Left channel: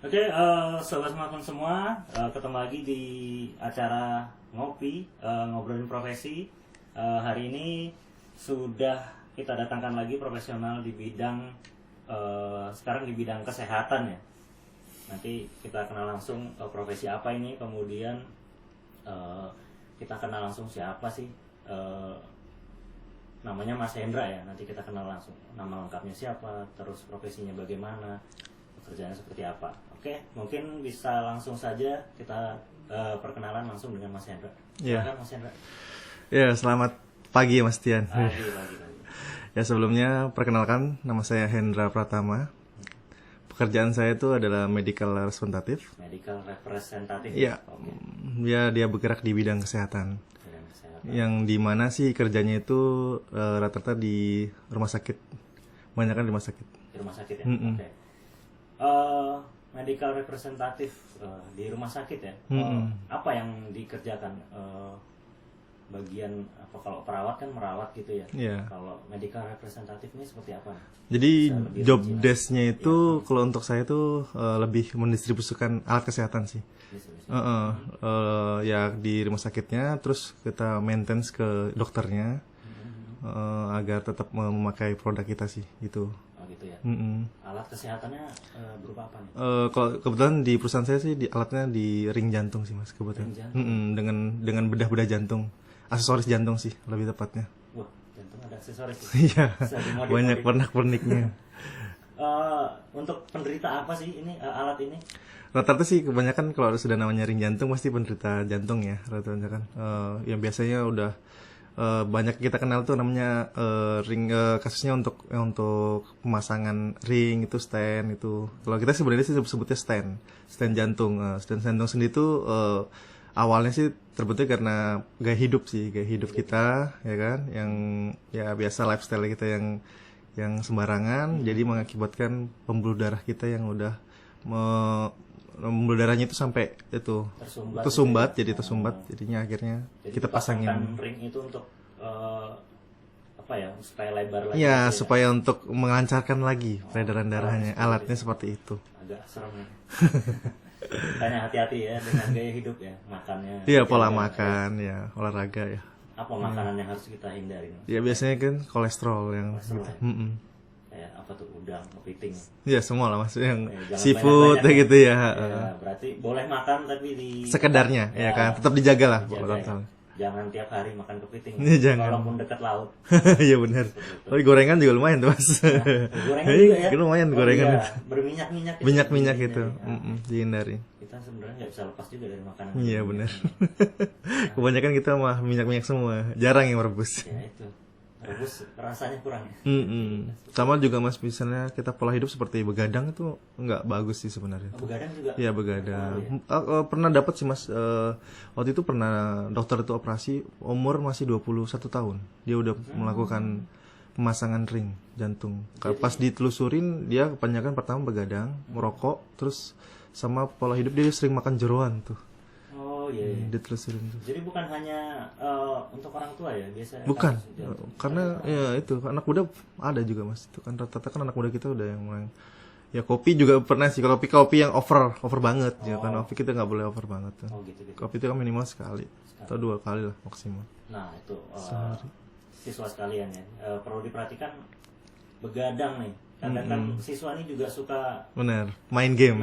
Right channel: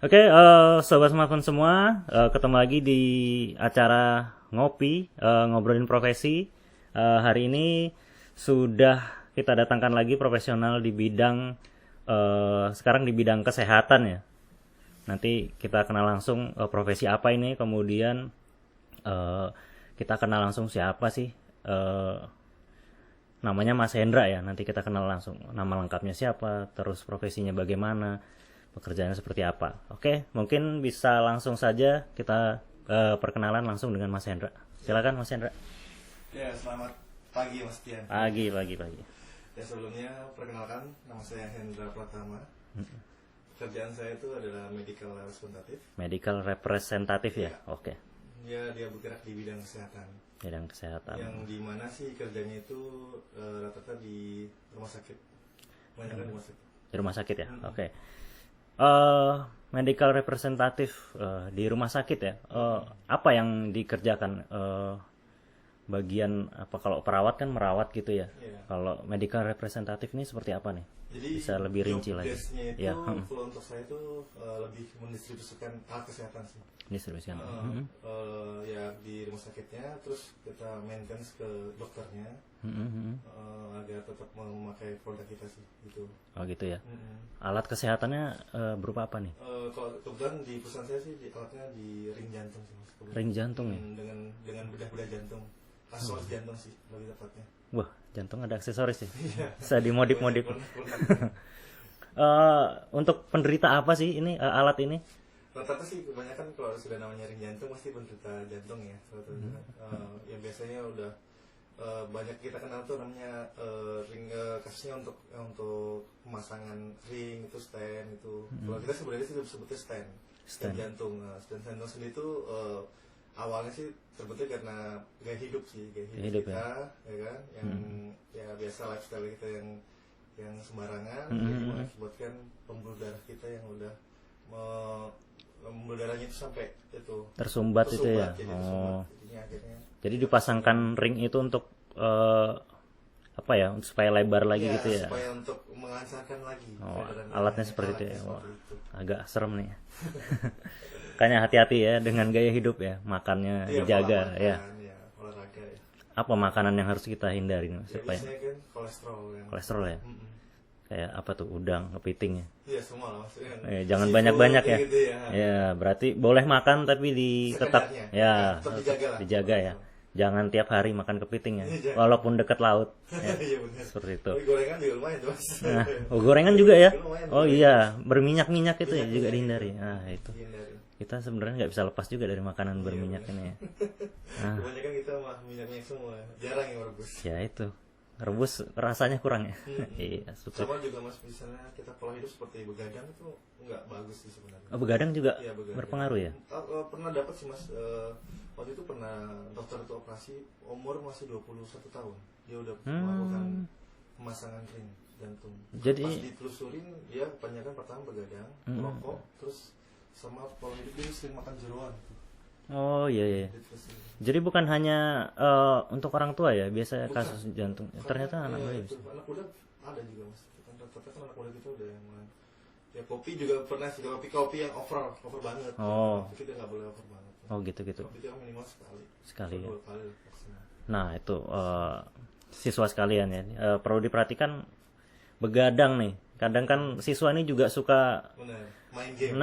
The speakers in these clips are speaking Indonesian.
Oke, sobat smartphone semua, ketemu lagi di acara ngopi, ngobrolin profesi. Hari ini sudah kita datangkan lagi profesional di bidang, sekarang di bidang kesehatan ya. Nanti kita kenal langsung profesi apa ini, kemudian kita kenal langsung siapa sih, namanya Mas Hendra ya. Nanti kita kenal langsung nama lengkapnya siapa, terus profesinya bagaimana, pekerjaannya seperti apa. Oke, mungkin bisa langsung saja kita perkenalan langsung dengan Mas Hendra. Silakan Mas Hendra. Ya, selamat pagi ya Mas Tian. Pagi. Ya, sebelumnya perkenalkan, nama saya Hendra Pratama. Pekerjaan saya itu adalah medical representative. Medical representative Ya, ya. Oke. Ya, dia bergerak di bidang kesehatan. Bidang kesehatan. Yang dimana sih kerjanya itu rata-rata di rumah sakit. Kebanyakan di rumah sakit. Di rumah sakit ya. Oke. Medical representative di rumah sakit ya. Apa yang dikerjakan? Bagian apa, kalau perawat kan merawat gitu ya. Iya. Kalau medical representative ini seperti apa nih? Jadi Bisa lebih job rinci lagi. desk-nya itu kalau untuk saya itu lebih mendistribusikan alat kesehatan sih. Distribusi. Ya di rumah sakitnya, terus kita maintenance ke dokternya agar tetap memakai produk kita sih gitu. Oh gitu ya. Mm-mm. Alat kesehatannya berupa apa nih? Kalau kebetulan di perusahaan saya sih alatnya di ring jantung sih Mas kebetulan. Ring jantung? Dengan bedah-bedah jantung, aksesoris jantung sih lebih tepatnya. Wah, jantung ada aksesoris nih. Iya. Bisa Banyak dimodif-modif. pernak-perniknya. Untuk penderita apa sih ini alat ini? Rata-rata sih kebanyakan kalau sudah namanya ring jantung pasti penderita jantung ya rata-rata kan. Yang biasanya udah banyak kita kenal tuh namanya ring, kasusnya untuk pemasangan ring itu stand itu. Kalau kita sebenarnya sih sebutnya stand jantung. Stand jantung sendiri tuh awalnya sih terbentuk karena gaya hidup kita ya kan, yang ya biasa lifestyle kita yang sembarangan, jadi mengakibatkan pembuluh darah kita yang udah pembuluh darahnya itu sampai itu Tersumbat jadi tersumbat, jadinya akhirnya Jadi kita dipasangkan ring itu untuk apa ya? Supaya lebar lagi ya, gitu ya. supaya untuk melancarkan lagi peredaran darahnya. Alatnya seperti itu. Agak serem nih. Makanya hati-hati ya dengan gaya hidup ya, makannya Iya, dijaga, pola ya. makan ya, olahraga ya. Apa makanan yang harus kita hindari? Ya biasanya kan kolesterol yang Kolesterol ya. Mm-mm. Kayak apa tuh, udang, kepiting ya. Ya semua lah Mas, yang Jangan seafood banyak-banyak ya. gitu ya. Ya, berarti boleh makan tapi Sekedarnya ya kan, tetap dijaga lah. Dijaga ya. Jangan tiap hari makan kepiting ya. Iya, jangan. Walaupun dekat laut. Iya benar. Seperti itu. Tapi gorengan juga lumayan tuh Mas. Gorengan juga ya. Lumayan Oh gorengan. iya, berminyak-minyak itu. Minyak-minyak ya, gitu. dihindari. Dihindari. Kita sebenarnya nggak bisa lepas juga dari makanan Iya berminyak benar. ini. Kebanyakan kita mah minyak-minyak semua, jarang yang merebus. Ya itu. Rebus rasanya kurang ya. Iya, Sama juga Mas, misalnya kita pola hidup seperti begadang itu nggak bagus sih sebenarnya. Oh, begadang juga Iya begadang. berpengaruh ya. Pernah dapat sih Mas, waktu itu pernah dokter itu operasi umur masih 21 tahun. Dia udah melakukan pemasangan ring jantung. Pas ditelusurin dia kebanyakan pertama begadang, merokok, terus sama pola hidup dia sering makan jeroan tuh. Oh iya. Ditelusurin tuh. Jadi bukan hanya untuk orang tua ya biasa Bukan, kasus jantung. karena ya itu anak muda ada juga Mas. Itu kan rata-rata kan anak muda kita udah yang mulai. Ya kopi juga pernah sih, kalau kopi yang over banget ya kan, kopi kita nggak boleh over banget. Oh gitu. Kopi itu kan minimal sekali atau 2 kali lah maksimal. Nah itu siswa sekalian ya, perlu diperhatikan begadang nih. Kadang kan siswa ini juga suka Bener, main game.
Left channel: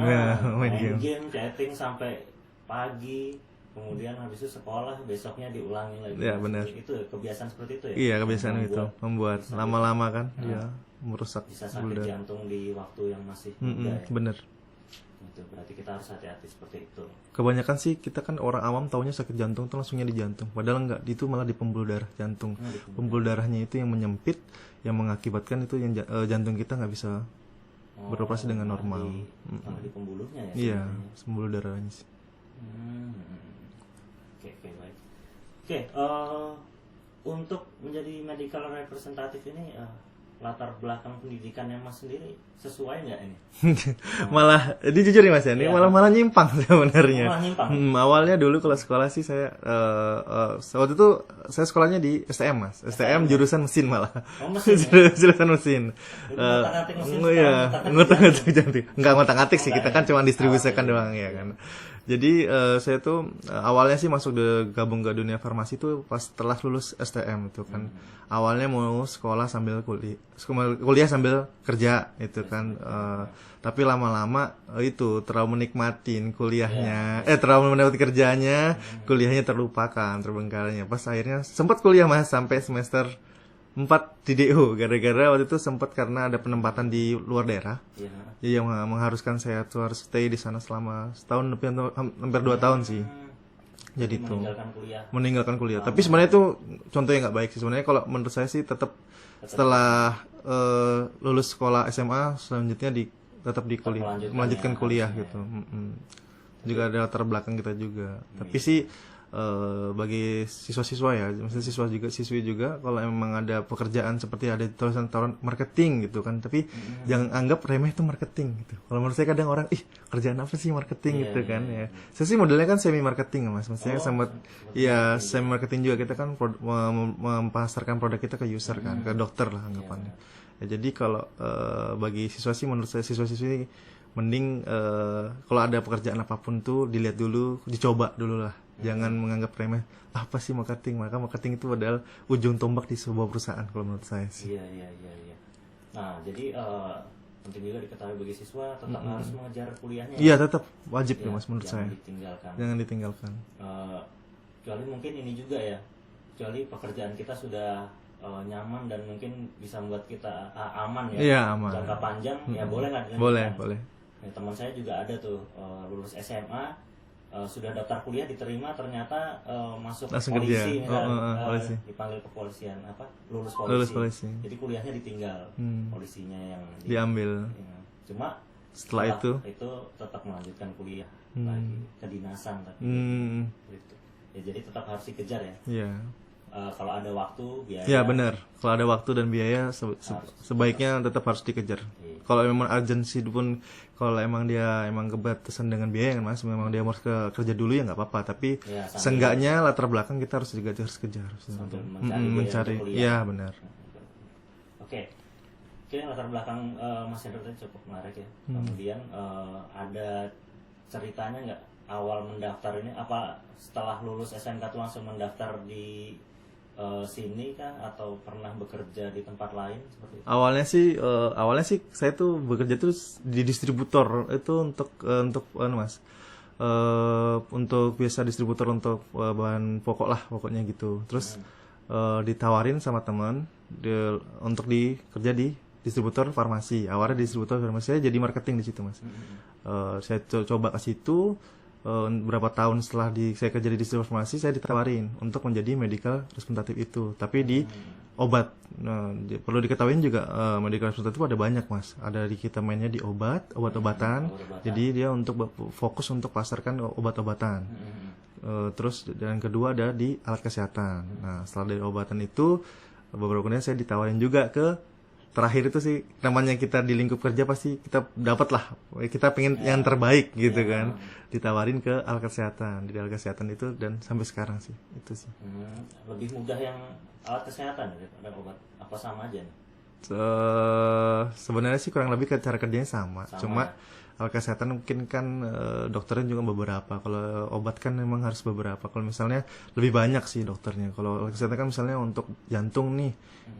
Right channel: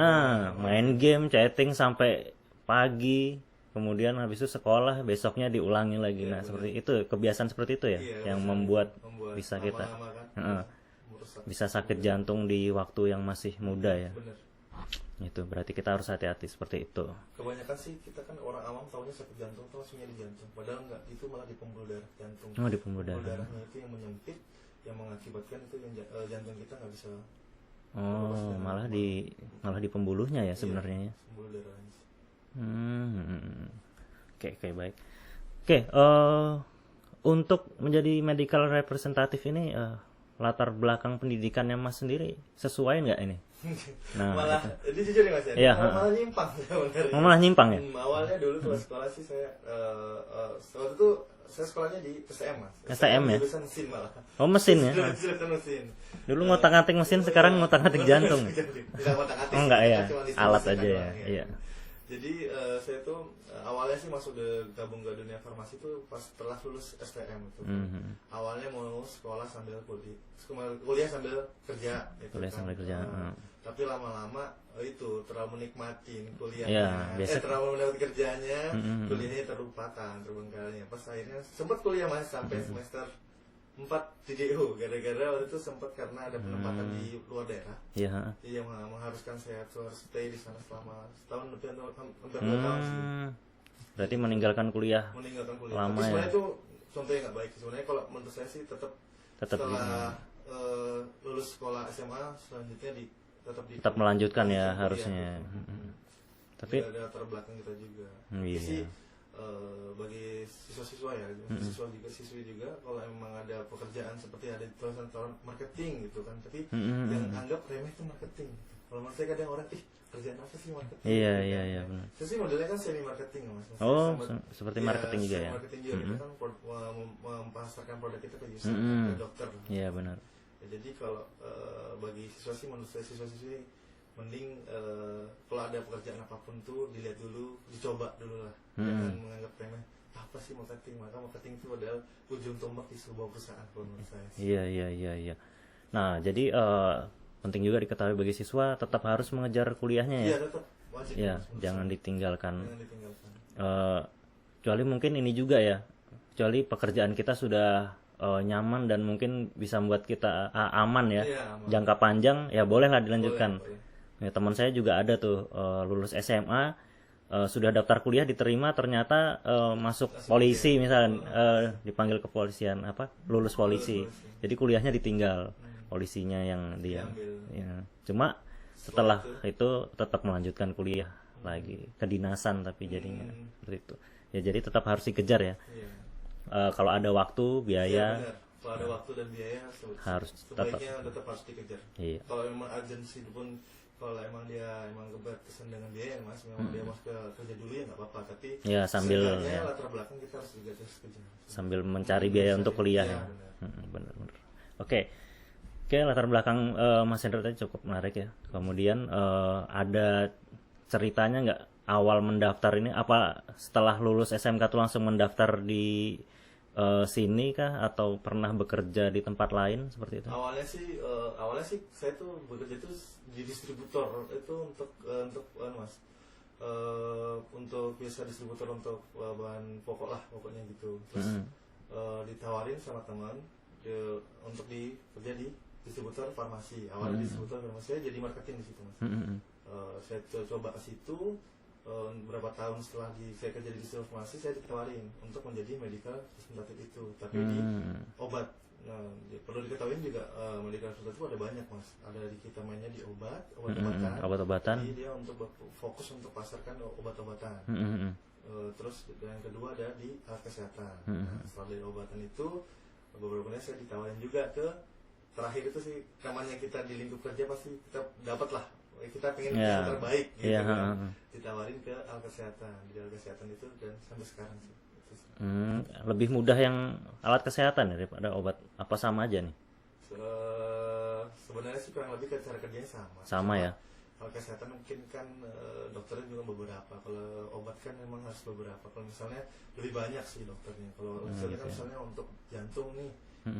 main game, chatting sampai pagi, kemudian habis itu sekolah, besoknya diulangi lagi. Iya, Nah, benar. Itu kebiasaan seperti itu ya. Iya, yang kebiasaan itu membuat bisa lama-lama kan dia merusak. bisa sakit jantung di waktu yang masih muda ya. Bener. Itu berarti kita harus hati-hati seperti itu. Kebanyakan sih kita kan orang awam taunya sakit jantung tuh langsungnya di jantung. Padahal enggak, itu malah di pembuluh darah jantung. Oh, di pembuluh Pembuluh darahnya itu yang menyempit, yang mengakibatkan itu yang jantung kita nggak bisa beroperasi dengan malah normal. malah di pembuluhnya ya Iya, sebenarnya. pembuluh darahnya sih. Oke, baik. Oke, untuk menjadi medical representative ini latar belakang pendidikannya Mas sendiri sesuai nggak ini? Malah ini jujur nih Mas ya, ini Iya. malah nyimpang sebenarnya. Malah nyimpang ya? Awalnya dulu kalau sekolah sih saya waktu itu saya sekolahnya di STM Mas. STM ya? jurusan mesin malah. Oh mesin ya? Jurusan mesin. Dulu ngotak-ngatik mesin, Iya, sekarang ngotak-ngatik ngotak-ngatik jantung. jantung. Enggak ngotak-ngatik sih, enggak kita ya? kan cuma distribusikan Alat aja doang ya? ya Iya. kan. Jadi saya tuh awalnya sih masuk gabung ke dunia farmasi tuh pas setelah lulus STM itu kan. Awalnya mau sekolah sambil kuliah sambil kerja itu Kuliah kan. sambil kerja. Tapi lama-lama itu terlalu menikmatin kuliahnya, Iya, terlalu menikmati kerjanya, kuliahnya terlupakan, terbengkalainya. Pas akhirnya sempat kuliah Mas sampai semester 4 di DO gara-gara waktu itu sempat karena ada penempatan di luar daerah. Iya. Jadi yang mengharuskan saya tuh harus stay di sana selama setahun lebih atau hampir 2 tahun sih. Jadi meninggalkan kuliah. Meninggalkan kuliah. Lama Tapi sebenarnya itu contoh yang nggak baik sih. Sebenarnya kalau menurut saya sih tetap setelah lulus sekolah SMA selanjutnya tetap melanjutkan ya, kuliah harusnya. gitu. Juga ada latar belakang kita juga. Tapi sih bagi siswa-siswa ya, maksudnya siswi juga kalau emang ada pekerjaan seperti ada tulisan tawaran marketing gitu kan, tapi jangan anggap remeh itu marketing gitu. Kalau menurut saya kadang orang, kerjaan apa sih marketing Iya, gitu iya, kan. iya. Ya. Saya sih modelnya kan semi marketing Mas. Maksudnya Oh, sempat seperti ya marketing semi juga ya. marketing juga kita kan mempasarkan produk kita ke user kan, ke dokter lah. Iya, anggapannya. benar. Ya, jadi kalau bagi siswa sih menurut saya siswa-siswi mending kalau ada pekerjaan apapun tuh dilihat dulu, dicoba dulu lah. Jangan menganggap remeh apa sih marketing. Maka marketing itu adalah ujung tombak di sebuah perusahaan kalau menurut saya sih. Iya. Nah, jadi penting juga diketahui bagi siswa tetap harus mengejar kuliahnya Iya, ya. tetap wajib Ya, Mas menurut jangan saya. ditinggalkan. Jangan ditinggalkan. Kecuali mungkin ini juga ya. Kecuali pekerjaan kita sudah nyaman dan mungkin bisa membuat kita aman ya. Iya, aman. Jangka panjang ya bolehlah dilanjutkan. Boleh. Ya, teman saya juga ada tuh lulus SMA sudah daftar kuliah diterima ternyata masuk Langsung polisi kerja. misalnya Polisi. dipanggil kepolisian lulus polisi. polisi. Jadi kuliahnya ditinggal polisinya yang Diambil. ya. Cuma Setelah itu tetap melanjutkan kuliah lagi kedinasan tapi jadinya seperti itu ya, jadi tetap harus dikejar ya. Iya. Kalau ada waktu biaya Iya benar. Kalau ada waktu dan biaya Harus sebaiknya tetap harus dikejar. Iya. Kalau memang urgency pun, kalau emang dia emang kebatasan dengan biaya kan Mas, memang dia harus kerja dulu ya nggak apa-apa. Tapi Ya, seenggaknya latar belakang kita harus kejar. sambil mencari biaya untuk kuliah. Iya benar. Benar. Oke, latar belakang Mas Hendra tadi cukup menarik ya. Kemudian ada ceritanya nggak awal mendaftar ini? Apa setelah lulus SMK tuh langsung mendaftar di sini kah atau pernah bekerja di tempat lain seperti itu? Awalnya sih saya tuh bekerja tuh di distributor itu untuk Mas. Untuk biasa distributor untuk bahan pokok lah pokoknya gitu. Terus ditawarin sama teman untuk kerja di distributor farmasi. Awalnya distributor farmasi, saya jadi marketing di situ Mas. Saya coba ke situ. Berapa tahun setelah saya kerja di distributor farmasi, saya ditawarin untuk menjadi medical representative itu, tapi di obat. Perlu diketahui juga medical representative ada banyak Mas. Ada di kita mainnya di obat-obatan. Jadi dia untuk fokus untuk pasarkan obat-obatan. Terus dan kedua ada di alat kesehatan. Nah, setelah dari obatan itu beberapa kemudian saya ditawarin juga ke terakhir itu sih, namanya kita di lingkup kerja pasti kita dapat lah, kita pengen yang terbaik gitu kan, ditawarin ke alat kesehatan, di alat kesehatan itu, dan sampai sekarang sih itu sih. Lebih mudah yang alat kesehatan daripada obat, apa sama aja nih? Sebenarnya sih kurang lebih cara kerjanya sama cuma ya? alat kesehatan mungkin kan dokternya juga beberapa, kalau obat kan memang harus beberapa. Kalau misalnya lebih banyak sih dokternya. Kalau alat kesehatan kan misalnya untuk jantung nih,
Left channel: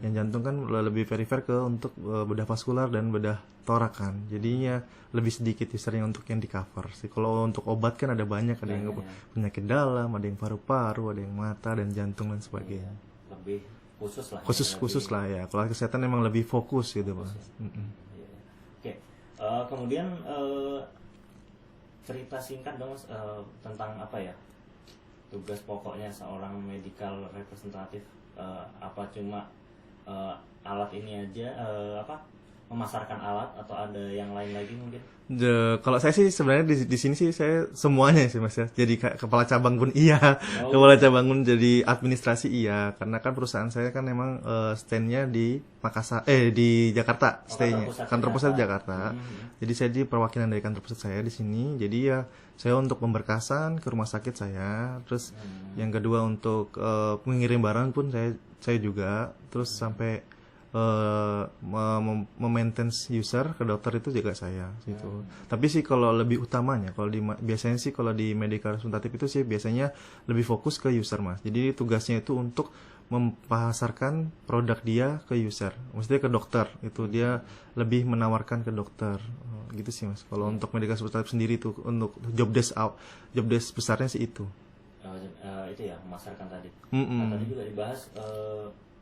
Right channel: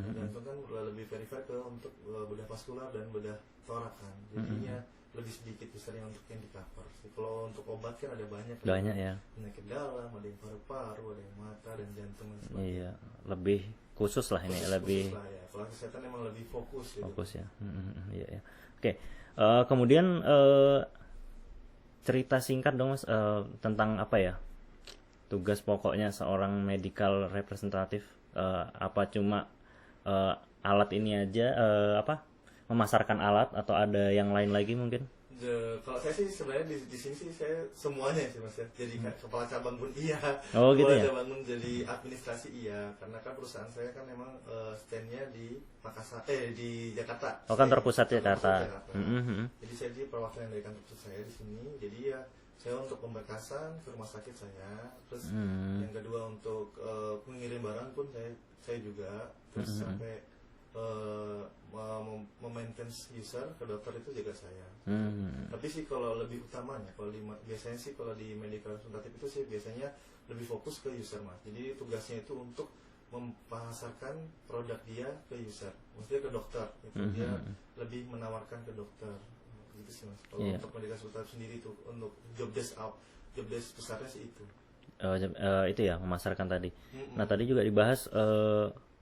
yang jantung kan lebih perifer ke untuk bedah vaskular dan bedah torak kan, jadinya lebih sedikit usernya untuk yang di cover sih. Kalau untuk obat kan ada banyak, ada yang penyakit dalam, ada yang paru-paru, ada yang mata dan jantung dan sebagainya. Lebih khusus lah. Khusus lah ya. Kalau kesehatan memang lebih fokus gitu Bang. Ya. Oke. Kemudian cerita singkat dong Mas tentang apa ya? Tugas pokoknya seorang medical representative, apa cuma alat ini aja memasarkan alat atau ada yang lain lagi mungkin? Kalau saya sih sebenarnya di sini sih saya semuanya sih Mas ya. Jadi kepala cabang pun iya, Oh, kepala gitu ya? cabang pun jadi administrasi iya. Karena kan perusahaan saya kan memang stand-nya di Makassar, di Jakarta. Oh, kantor stay-nya. pusat Kantor pusat di Jakarta. Mhm. Jadi saya di perwakilan dari kantor pusat saya di sini. Jadi ya saya untuk pemberkasan ke rumah sakit saya. Terus yang kedua untuk mengirim barang pun saya juga. Terus sampai memaintenance user ke dokter itu juga saya gitu. Tapi sih kalau lebih utamanya kalau biasanya sih kalau di medical representative itu sih biasanya lebih fokus ke user Mas. Jadi tugasnya itu untuk memasarkan produk dia ke user, maksudnya ke dokter itu dia lebih menawarkan ke dokter gitu sih Mas. Kalau untuk medical representative sendiri tuh untuk job desk besarnya sih itu. Itu ya memasarkan tadi. Nah tadi juga dibahas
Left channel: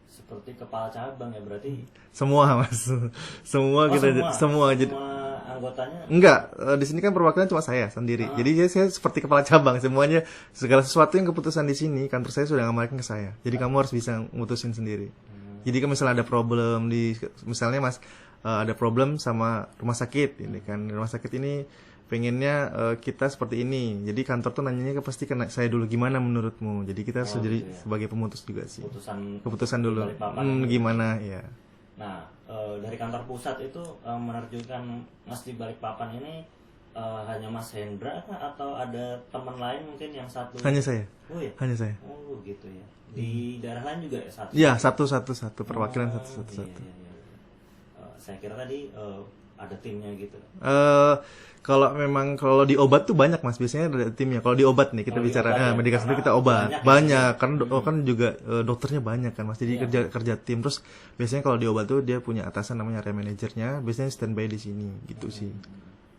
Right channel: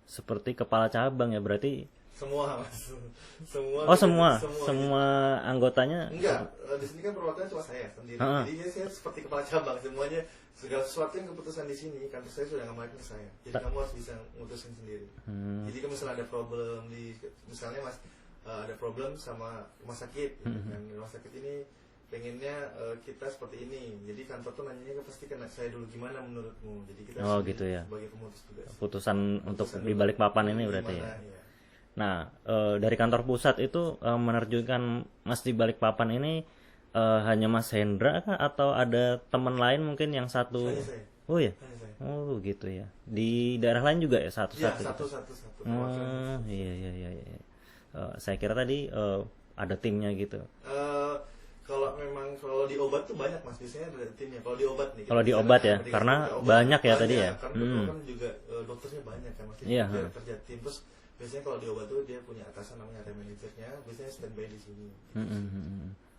seperti kepala cabang ya berarti. Semua Mas, semua Oh kita semua Jadi- anggotanya. Enggak, di sini kan perwakilan cuma saya sendiri. Jadi saya seperti kepala cabang semuanya, segala sesuatu yang keputusan di sini kantor saya sudah ngamalkan ke saya. Jadi kamu harus bisa mutusin sendiri. Jadi kalau misalnya ada problem misalnya Mas ada problem sama rumah sakit, ini kan rumah sakit ini pengennya kita seperti ini. Jadi kantor tuh nanyanya pasti ke saya dulu gimana menurutmu. Jadi kita harus Oh, jadi gitu ya. sebagai pemutus juga sih. Keputusan dulu. di Balikpapan ini berarti. Gimana ya? Nah, dari kantor pusat itu menerjunkan Mas di Balikpapan ini hanya Mas Hendra kah atau ada teman lain mungkin yang satu? Hanya saya. Oh ya. Hanya saya. Oh gitu ya. Di daerah lain juga ya satu? Iya, satu perwakilan satu. Iya. Saya kira tadi ada timnya gitu. Kalau di obat tuh banyak Mas, biasanya ada timnya. Kalau di obat nih kita Kalau di bicara obat ya, medikasi karena kita obat banyak ya banyak tadi ya. kan kan juga dokternya banyak kan Mas. Jadi Iya. kerja tim. Terus biasanya kalau di obat tuh dia punya atasan namanya area manajernya, biasanya standby di sini gitu sih.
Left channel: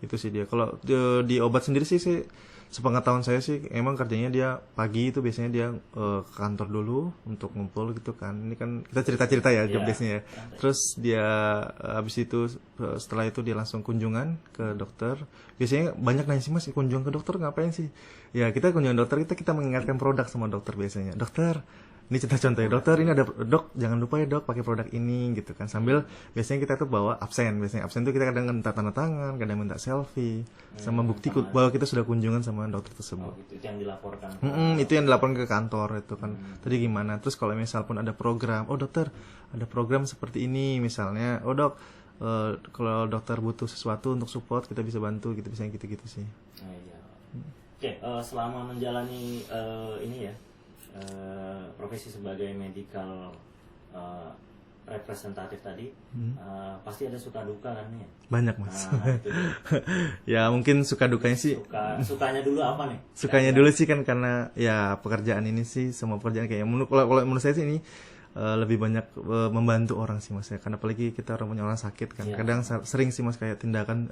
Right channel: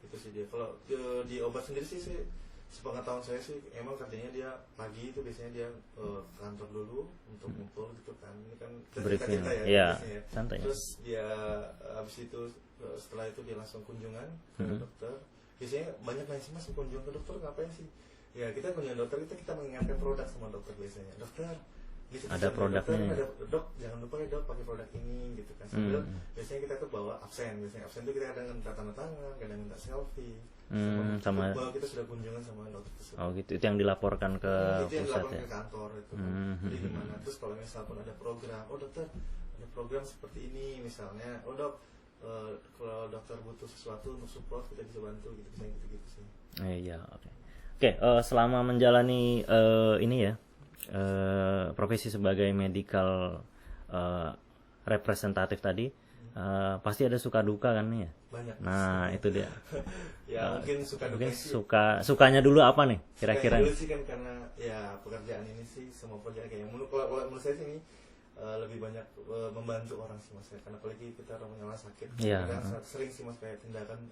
Itu sih dia. Kalau di obat sendiri sih sepengetahuan saya sih emang kerjanya dia pagi itu biasanya dia ke kantor dulu untuk ngumpul gitu kan. Ini kan kita cerita-cerita ya Iya, biasanya ya. santai. Terus dia habis itu setelah itu dia langsung kunjungan ke dokter. Biasanya banyak nanya sih Mas, kunjungan ke dokter ngapain sih? Ya kita kunjungan dokter kita mengingatkan produk sama dokter biasanya. Dokter, ini contoh ya dokter ini ada dok jangan lupa ya dok pakai produk ini gitu kan. Sambil biasanya kita tuh bawa absen. Biasanya absen tuh kita kadang minta tanda tangan, kadang minta selfie sama bukti bahwa kita sudah kunjungan sama dokter tersebut. Oh gitu. Itu yang dilaporkan ke Itu yang dilaporkan ke kantor itu kan. Tadi gimana? Terus kalau misal pun ada program, oh dokter ada program seperti ini misalnya, oh dok kalau dokter butuh sesuatu untuk support kita bisa bantu gitu, bisa gitu-gitu sih. Iya. Oke, selama menjalani ini ya profesi sebagai medical representatif tadi, pasti ada suka duka kan ya? Banyak Mas. Nah itu dia. Ya mungkin suka dukanya sih. Sukanya dulu apa nih? Sukanya dulu sih kan karena ya pekerjaan ini sih semua pekerjaan kayak kalau menurut saya sih ini lebih banyak membantu orang sih Mas ya. Karena apalagi kita punya orang sakit kan. Iya. Kadang sering sih Mas kayak tindakan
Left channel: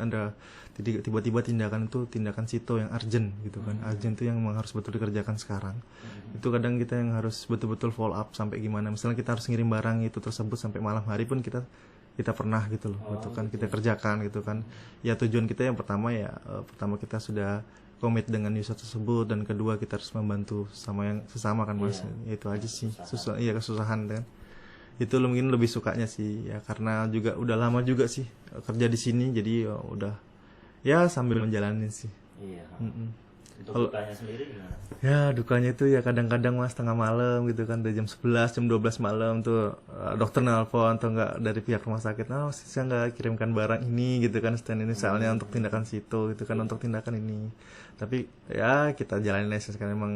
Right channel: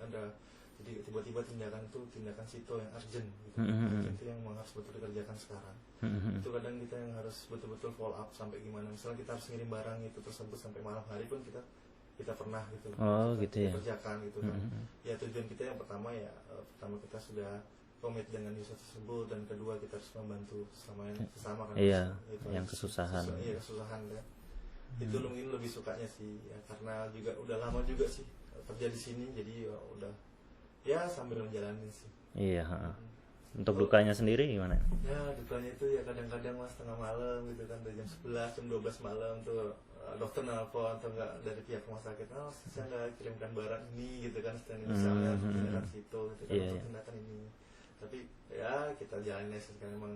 tiba-tiba tindakan itu tindakan sito yang urgent gitu kan. Urgent itu yang memang harus betul dikerjakan sekarang. Itu kadang kita yang harus betul-betul follow up sampai gimana. Misalnya kita harus ngirim barang itu tersebut sampai malam hari pun kita pernah gitu loh. Gitu kan kita kerjakan gitu kan. Ya tujuan kita yang pertama pertama kita sudah komit dengan user tersebut dan kedua kita harus membantu sama yang sesama kan Mas. Iya, Itu aja sih. kesusahan. Kesusahan kan. Itu mungkin lebih sukanya sih ya karena juga udah lama juga sih kerja di sini jadi udah ya sambil menjalani sih. Iya. Untuk dukanya sendiri gimana? Ya dukanya itu ya kadang-kadang Mas tengah malam gitu kan dari jam 11 jam 12 malam tuh dokter nelpon atau enggak dari pihak rumah sakit saya nggak kirimkan barang ini gitu kan stand ini misalnya untuk tindakan situ gitu kan untuk tindakan ini tapi ya kita jalanin aja sekarang emang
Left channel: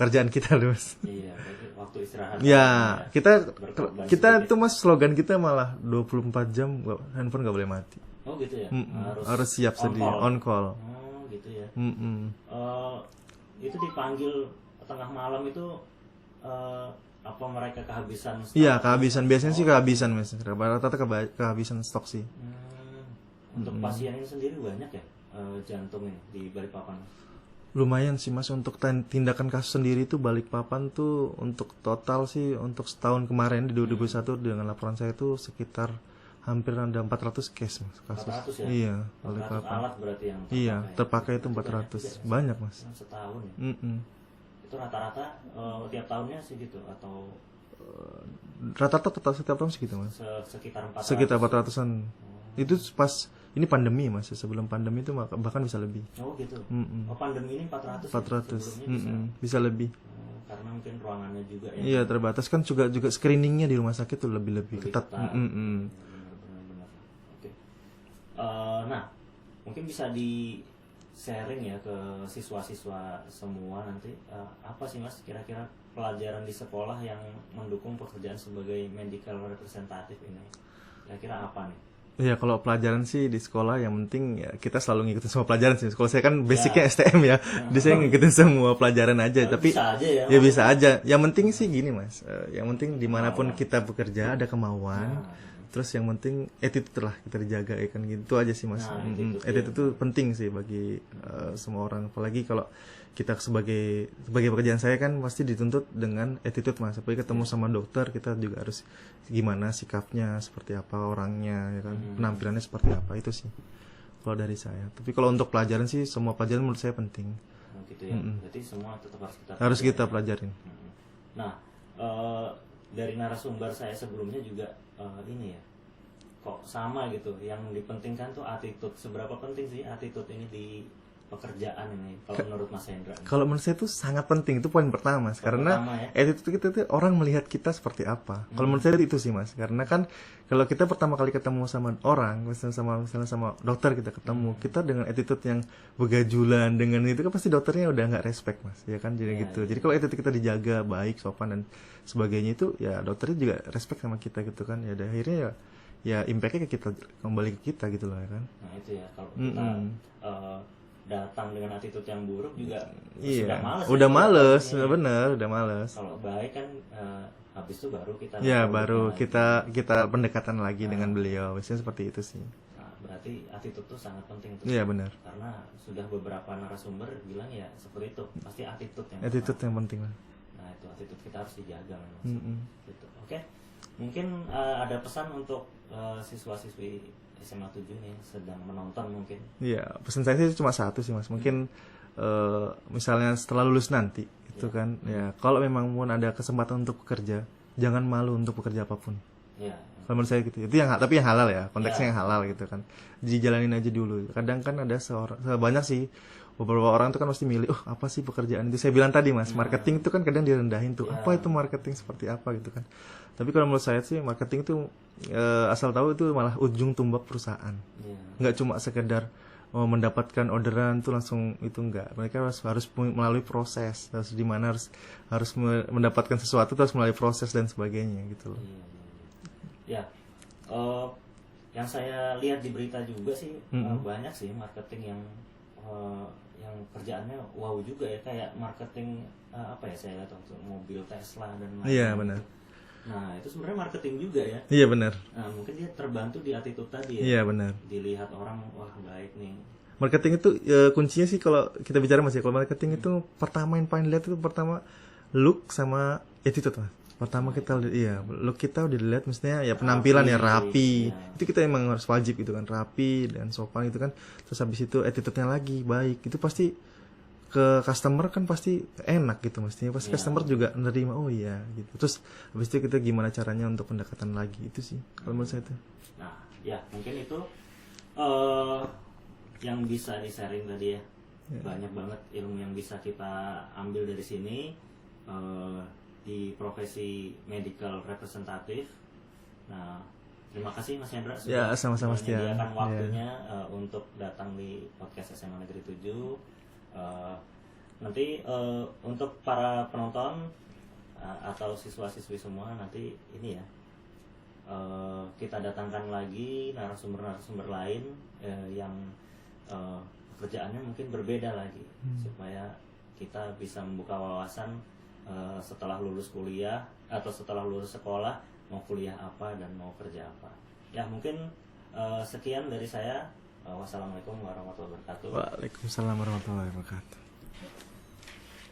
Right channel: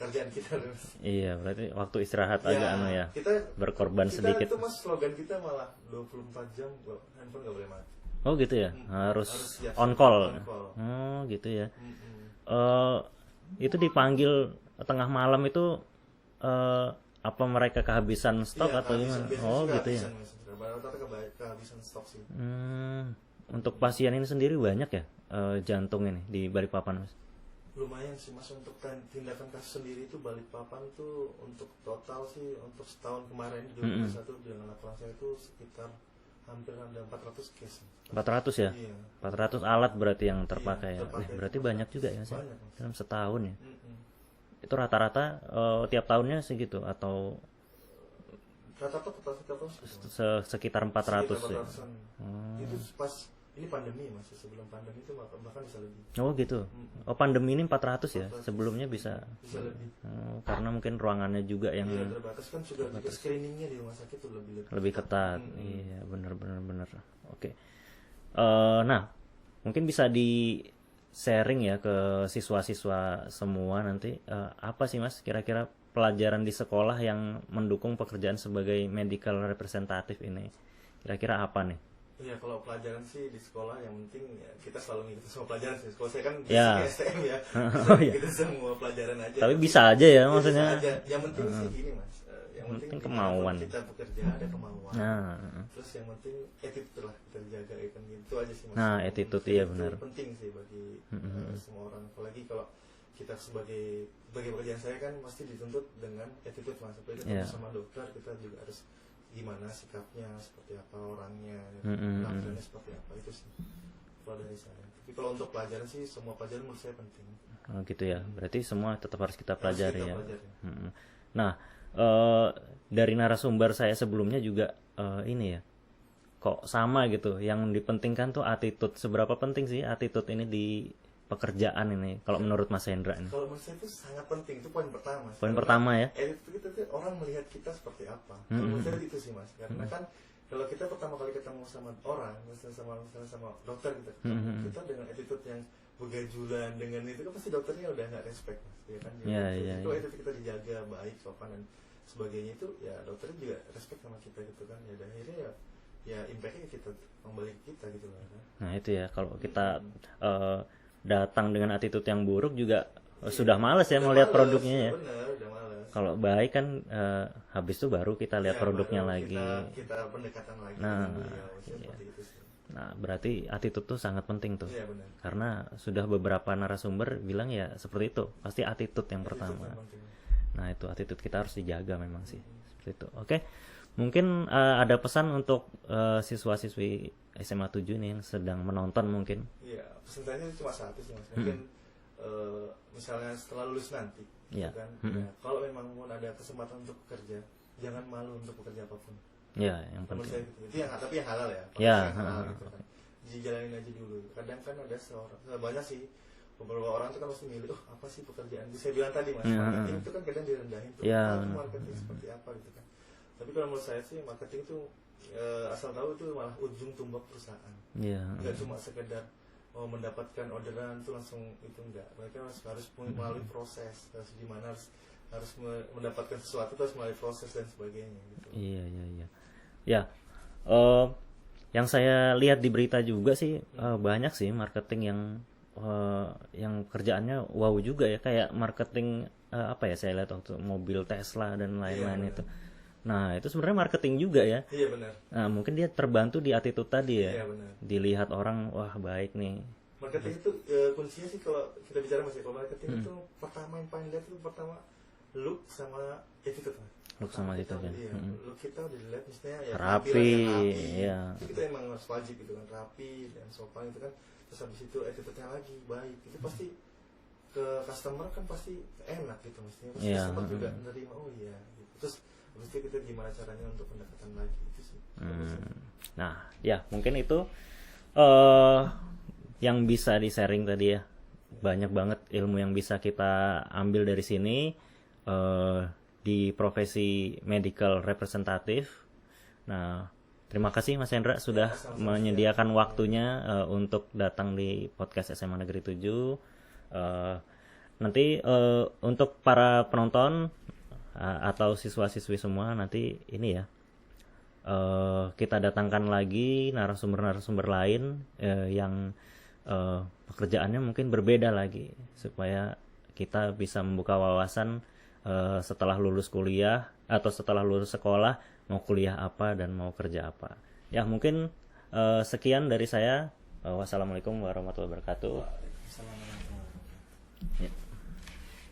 pekerjaan kita Mas. Iya berarti waktu istirahat Ya kita berkorban kita tuh Mas slogan kita malah 24 jam handphone nggak boleh mati. Oh gitu ya. Harus siap on on call. call. Oh gitu ya. Itu dipanggil tengah malam itu apa mereka kehabisan stok? Iya atau kehabisan gimana? biasanya sih kehabisan Mas. Rata-rata kehabisan stok sih. Untuk pasien ini sendiri banyak ya jantung ini di Balikpapan Mas? Lumayan sih Mas untuk tindakan kasus sendiri itu Balikpapan tuh untuk total sih untuk setahun kemarin di 2021 dengan laporan saya itu sekitar hampir ada 400 case Mas. 400 ya? Iya. 400 alat berarti yang terpakai. Iya, terpakai itu Berarti 400. banyak juga ya, banyak Mas. dalam setahun ya. Mm-mm. Itu rata-rata tiap tahunnya segitu atau Rata-rata setiap tahun segitu Mas. sekitar 400? Sekitar 400-an. Oh, Itu pas ini pandemi Mas, sebelum pandemi itu bahkan bisa lebih. Oh gitu. Oh pandemi ini 400 ya? 400. Sebelumnya bisa lebih. Karena mungkin ruangannya juga yang Iya terbatas kan, juga screeningnya di rumah sakit tuh lebih ketat. Iya, benar. Oke. Nah mungkin bisa di sharing ya ke siswa-siswa semua nanti, apa sih Mas kira-kira pelajaran di sekolah yang mendukung pekerjaan sebagai medical representative ini? Kira-kira apa nih? Iya, kalau pelajaran sih di sekolah yang penting ya kita selalu ngikutin semua pelajaran sih. Kalau saya kan basicnya STM ya, jadi saya ngikutin semua pelajaran aja. Tapi bisa aja ya? Ya bisa aja. Yang penting sih gini Mas, yang penting dimanapun kita bekerja ada kemauan. Terus yang penting attitude lah kita dijaga ya kan, gitu aja sih Mas. Nah, attitude itu penting sih bagi semua orang. Apalagi kalau kita sebagai pekerjaan saya kan pasti dituntut dengan attitude Mas. Apalagi ketemu sama dokter, kita juga harus gimana sikapnya, seperti apa orangnya ya kan, penampilannya seperti apa, itu sih kalau dari saya. Tapi kalau untuk pelajaran sih semua pelajaran menurut saya penting. Gitu ya. Berarti semua tetap harus kita pelajarin. Nah, dari narasumber saya sebelumnya juga ini ya, kok sama gitu, yang dipentingkan tuh attitude. Seberapa penting sih attitude ini di pekerjaan ini kalau menurut Mas Hendra? Kalau menurut saya itu sangat penting, itu poin pertama Mas. Karena ya? attitude kita itu orang melihat kita seperti apa. Kalau menurut saya itu sih Mas, karena kan kalau kita pertama kali ketemu sama orang, misalnya sama dokter kita ketemu, kita dengan attitude yang begajulan dengan itu kan pasti dokternya udah nggak respect Mas, ya kan, jadi gitu. Jadi kalau attitude kita dijaga baik, sopan dan sebagainya, itu ya dokternya juga respect sama kita gitu kan. Ya akhirnya ya impact-nya ke kita, kembali ke kita gitu loh ya kan. Nah itu ya, kalau kita datang dengan attitude yang buruk juga sudah males udah males, bener, udah males. Kalau baik kan habis itu baru kita lihat baru lagi. kita pendekatan lagi dengan beliau, biasanya seperti itu sih. Nah berarti attitude tuh sangat penting tuh. Iya benar. Karena sudah beberapa narasumber bilang ya seperti itu, pasti attitude yang penting. Nah itu attitude kita harus dijaga memang sih. Seperti itu. Oke. Mungkin ada pesan untuk siswa-siswi SMA 7 nih yang sedang menonton mungkin. Iya, pesan saya sih cuma satu sih Mas. Mungkin misalnya setelah lulus nanti gitu kan. Ya, kalau memang pun ada kesempatan untuk bekerja, jangan malu untuk bekerja apapun. Iya, menurut saya gitu. Itu tapi yang halal ya, konteksnya yang halal gitu kan. Dijalanin aja dulu. Kadang kan ada banyak sih beberapa orang tuh kan pasti milih, apa sih pekerjaan itu. Saya bilang tadi Mas, marketing itu kan kadang direndahin tuh. Apa itu marketing, seperti apa gitu kan. Tapi kalau menurut saya sih marketing itu asal tahu itu malah ujung tombak perusahaan. Nggak cuma sekedar mendapatkan orderan tuh langsung itu, enggak. Mereka harus melalui proses, harus di mana harus mendapatkan sesuatu terus melalui proses dan sebagainya gitu. Iya. Ya. Yang saya lihat di berita juga sih banyak sih marketing yang kerjaannya wow juga ya, kayak marketing saya lihat waktu mobil Tesla dan lain-lain itu. Nah itu sebenarnya marketing juga ya. Iya benar. Nah mungkin dia terbantu di attitude tadi ya. Iya benar. Dilihat orang, wah baik nih. Marketing itu kuncinya sih kalau kita bicara Mas ya. Kalau marketing itu pertama yang paling dilihat itu pertama look sama attitude Mas. Pertama kita lihat, look kita udah dilihat mestinya ya penampilan rapi. Itu kita emang harus wajib gitu kan, rapi dan sopan gitu kan. Terus habis itu attitude-nya lagi baik. Itu pasti ke customer kan pasti enak gitu mestinya, pasti customer juga nerima, oh iya gitu. Terus habis itu kita gimana caranya untuk pendekatan lagi, itu sih kalau menurut saya itu. Nah ya mungkin itu yang bisa di sharing tadi ya. Banyak banget ilmu yang bisa kita ambil dari sini di profesi medical representative. Nah terima kasih Mas Hendra sudah menyediakan waktunya untuk datang di podcast SMA Negeri 7. Nanti untuk para penonton atau siswa-siswi semua, nanti ini ya kita datangkan lagi narasumber-narasumber lain yang pekerjaannya mungkin berbeda lagi, supaya kita bisa membuka wawasan setelah lulus kuliah atau setelah lulus sekolah mau kuliah apa dan mau kerja apa. Ya mungkin sekian dari saya. Wassalamualaikum warahmatullahi wabarakatuh. Waalaikumsalam warahmatullahi wabarakatuh. Ya.